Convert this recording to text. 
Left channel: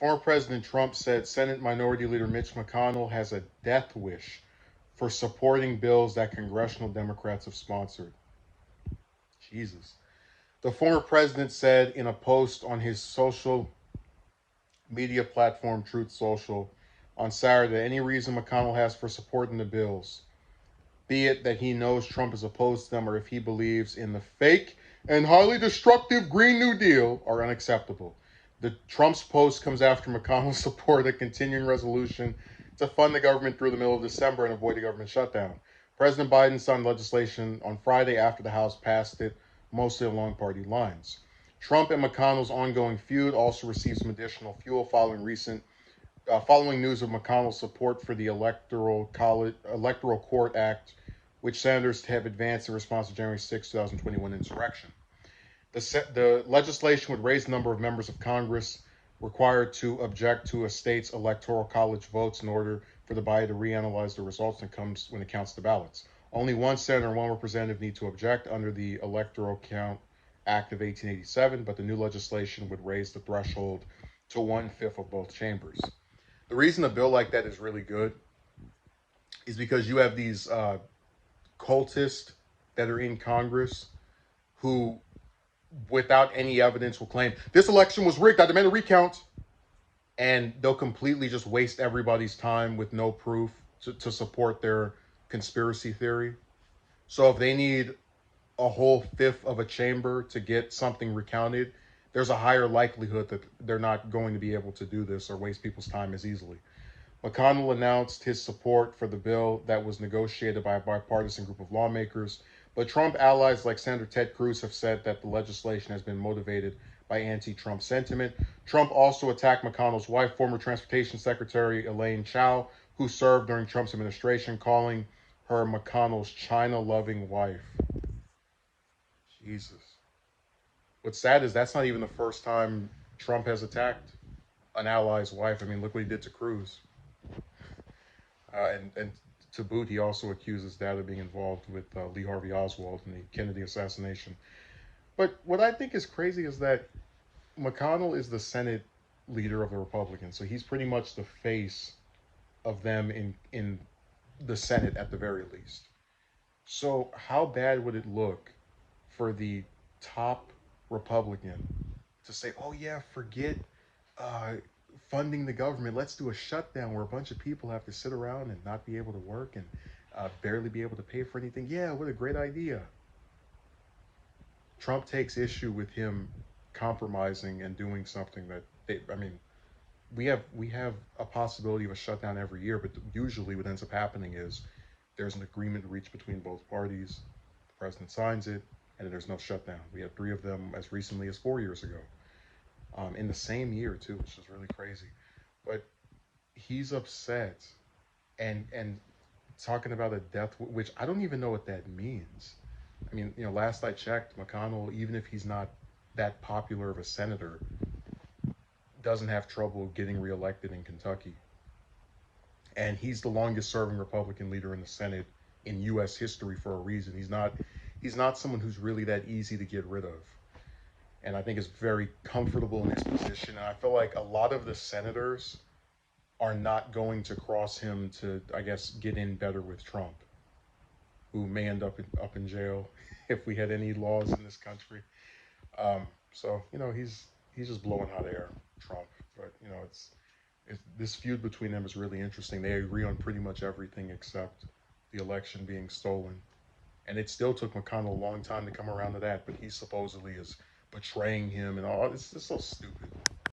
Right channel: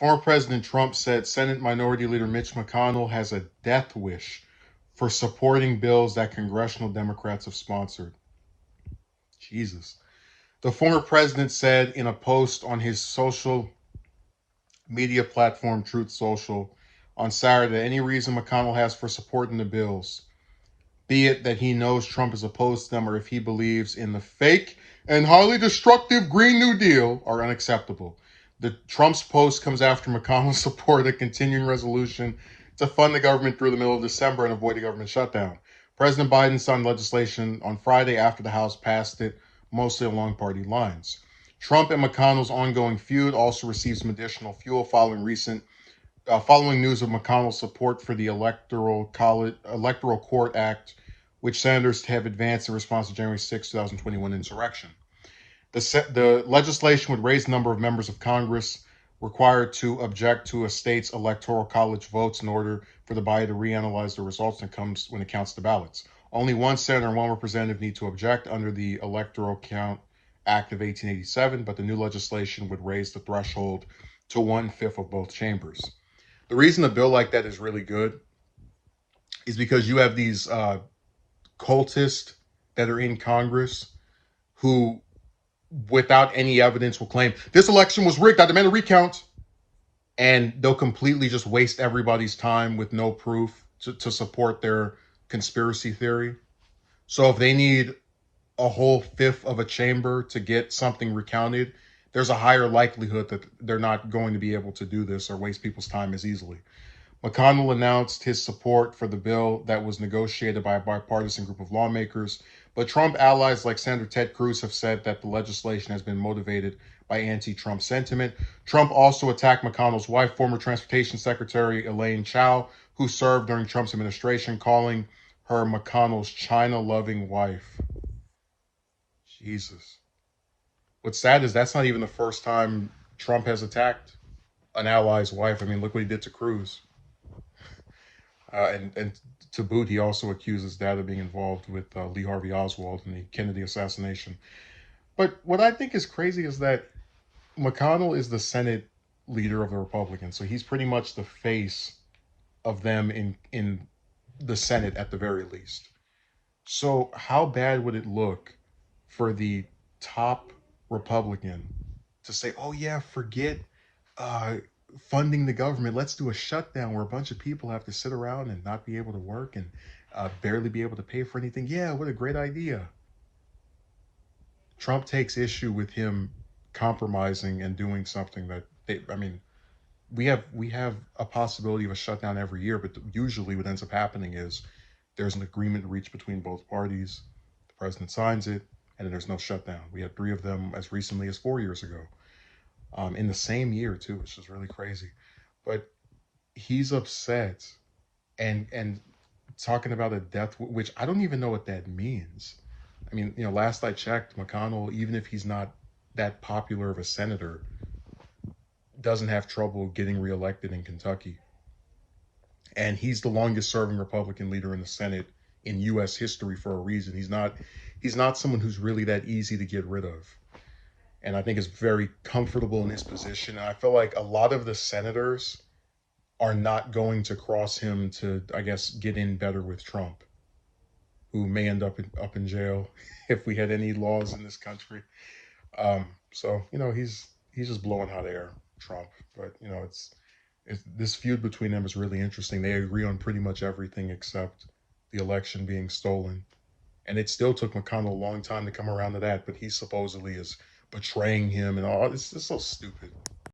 Former President Trump said Senate Minority Leader Mitch McConnell has a death wish for supporting bills that congressional Democrats have sponsored. Jesus. The former president said in a post on his social media platform Truth Social on Saturday any reason McConnell has for supporting the bills, be it that he knows Trump is opposed to them or if he believes in the fake and highly destructive Green New Deal, are unacceptable. The Trump's post comes after McConnell's support a continuing resolution to fund the government through the middle of December and avoid a government shutdown. President Biden signed legislation on Friday after the House passed it, mostly along party lines. Trump and McConnell's ongoing feud also received some additional fuel following news of McConnell's support for the Electoral Court Act, which senators have advanced in response to January 6, 2021 insurrection. The legislation would raise the number of members of Congress required to object to a state's electoral college votes in order for the body to reanalyze the results when it counts the ballots. Only one senator and one representative need to object under the Electoral Count Act of 1887, but the new legislation would raise the threshold to 1/5 of both chambers. The reason a bill like that is really good is because you have these cultists that are in Congress who, without any evidence, will claim this election was rigged. I demand a recount. And they'll completely just waste everybody's time with no proof to support their conspiracy theory. So if they need a whole fifth of a chamber to get something recounted, there's a higher likelihood that they're not going to be able to do this or waste people's time as easily. McConnell announced his support for the bill that was negotiated by a bipartisan group of lawmakers, but Trump allies like Senator Ted Cruz have said that the legislation has been motivated by anti-Trump sentiment. Trump also attacked McConnell's wife, former Transportation Secretary Elaine Chao, who served during Trump's administration, calling her McConnell's China-loving wife. Jesus. What's sad is that's not even the first time Trump has attacked an ally's wife. I mean, look what he did to Cruz. And to boot, he also accused his dad of being involved with Lee Harvey Oswald in the Kennedy assassination. But what I think is crazy is that McConnell is the Senate leader of the Republicans, so he's pretty much the face of them in the Senate at the very least. So how bad would it look for the top Republican to say, "Oh yeah, forget uh, funding the government. Let's do a shutdown where a bunch of people have to sit around and not be able to work and barely be able to pay for anything." Yeah, what a great idea. Trump takes issue with him compromising and doing something that I mean, we have a possibility of a shutdown every year, but usually what ends up happening is there's an agreement reached between both parties. The president signs it, and then there's no shutdown. We had three of them as recently as 4 years ago, in the same year too, which is really crazy. But he's upset and talking about a death, which I don't even know what that means. I mean, last I checked, McConnell, even if he's not that popular of a senator, doesn't have trouble getting reelected in Kentucky. And he's the longest serving Republican leader in the Senate in US history for a reason. He's not someone who's really that easy to get rid of. And I think is very comfortable in his position. And I feel like a lot of the senators are not going to cross him to, I guess, get in better with Trump, who may end up in jail if we had any laws in this country. So he's just blowing hot air, Trump. But it's this feud between them is really interesting. They agree on pretty much everything except the election being stolen, and it still took McConnell a long time to come around to that. But he supposedly is betraying him and all. It's just so stupid.